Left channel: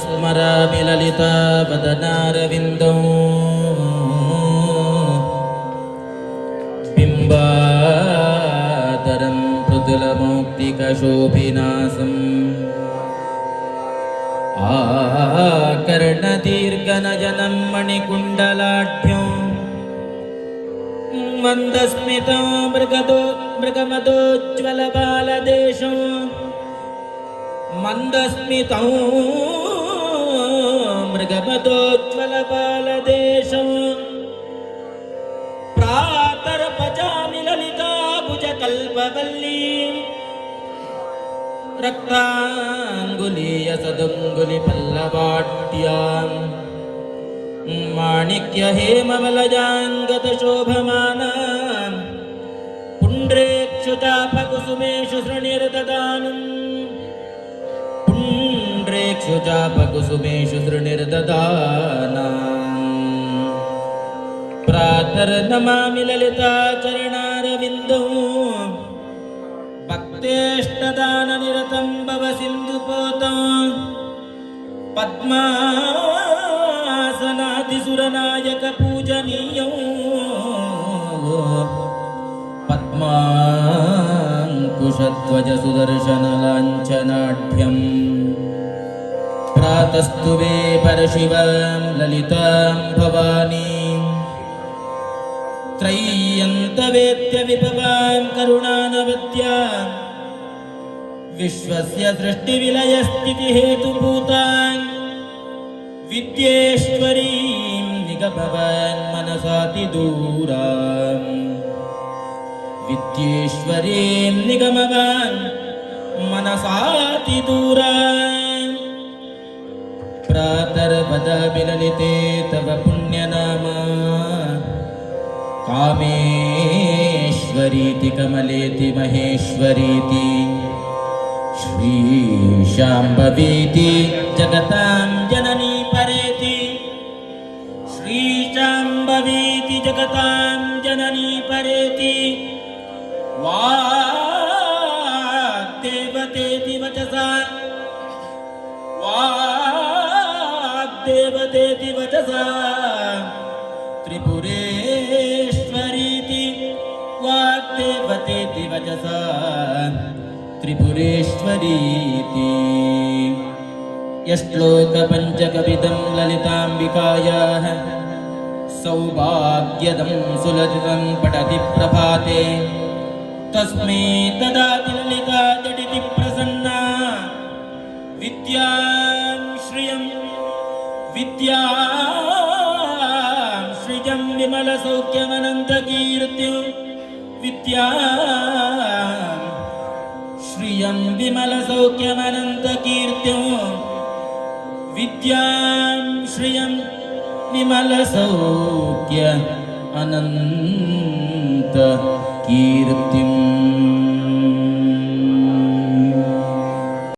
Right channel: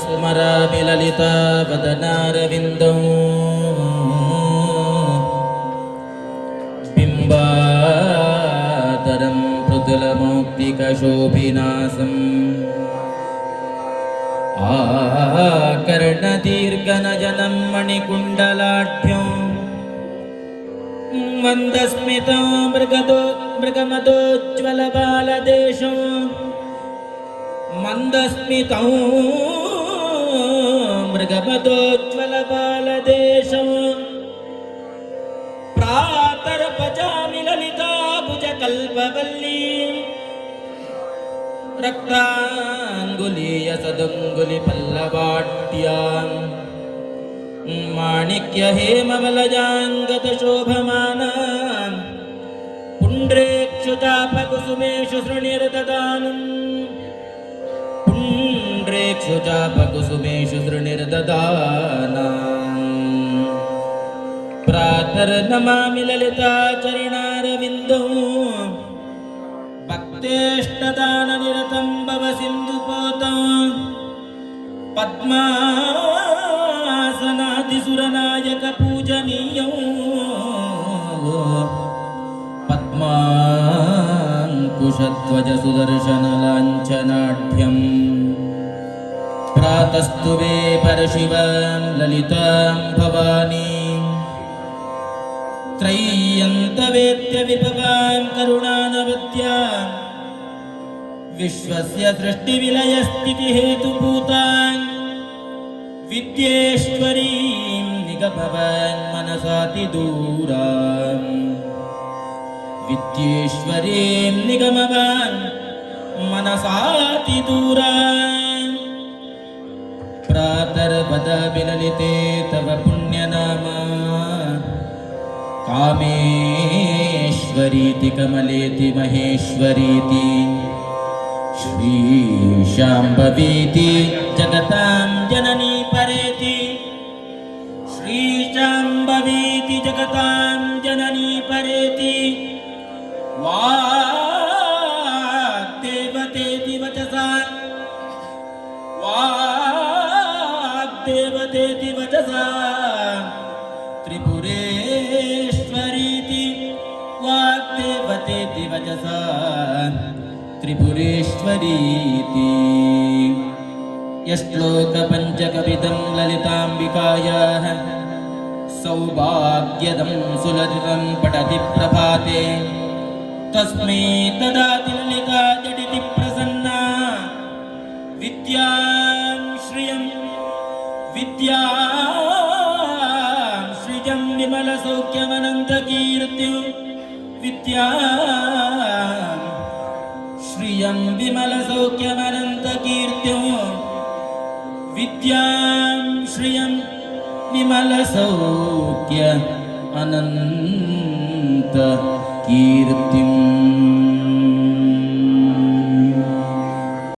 स्मरामि ललितावदनारविन्दौ बिम्बादरं मृदुलमौक्तिकशोभिनासम् आकर्णदीर्घनयनं मणिकुण्डलाढ्यं मन्दस्मितो मृगमदोज्ज्वलबालदेशं मन्दस्मितौ मृगमदोज्ज्वलबालदेशं प्रातर्पचामि ललिताभुजकल्पवल्ली रक्ताङ्गुलीयसदङ्गुलिपल्लवाट्याम् माणिक्यहेमवलजाङ्गतशोभमानाम् पुण्ड्रेक्षुचापकुसुमेषु सृणिर्ददानम् पुण्ड्रेक्षुचापकुसुमेषु सृणिर्ददानम् प्रातर्नमामि ललिताचरणारविन्दौ भक्तेष्टदाननिरतं भव सिन्धुपोतं पद्मासनादिसुरनायकपूजनीयं पद्माङ्कुशध्वजसुदर्शनलाञ्छनाढ्यं प्रातस्तुवे परशिवां ललितां भवानीं त्रय्यन्तवेद्यविभवां करुणानवद्यां विश्वस्य सृष्टिविलयस्थितिहेतुभूतां विद्येश्वरीं निगमवां मनसातिदूरां विद्येश्वरीं निगमवां मनसातिदूरां प्रातर्वदामि ललिते तव पुण्यनामा कामेश्वरीति कमलेति महेश्वरीति श्रीशाम्भवीति जगतां जननी परेति श्रीशाम्भवीति जगतां जननी परेति वाग्देवतेति वचसा वाग्देवतेति वचसा त्रिपुरेश्वरीति वाग्देवतेति वचसा त्रिपुरेश्वरीति यश्लोकपञ्चकविदं ललिताम्बिकायाः सौभाग्यदं सुललितं पठति प्रभाते तस्मै तदाति ललिता जडिति प्रसन्ना विद्यां श्रियं विमलसौख्यमनन्तकीर्तिं श्रियं विमलसौख्यमनन्तकीर्तिं विद्यां श्रियं विमलसौख्य अनन्तकीर्तिम्।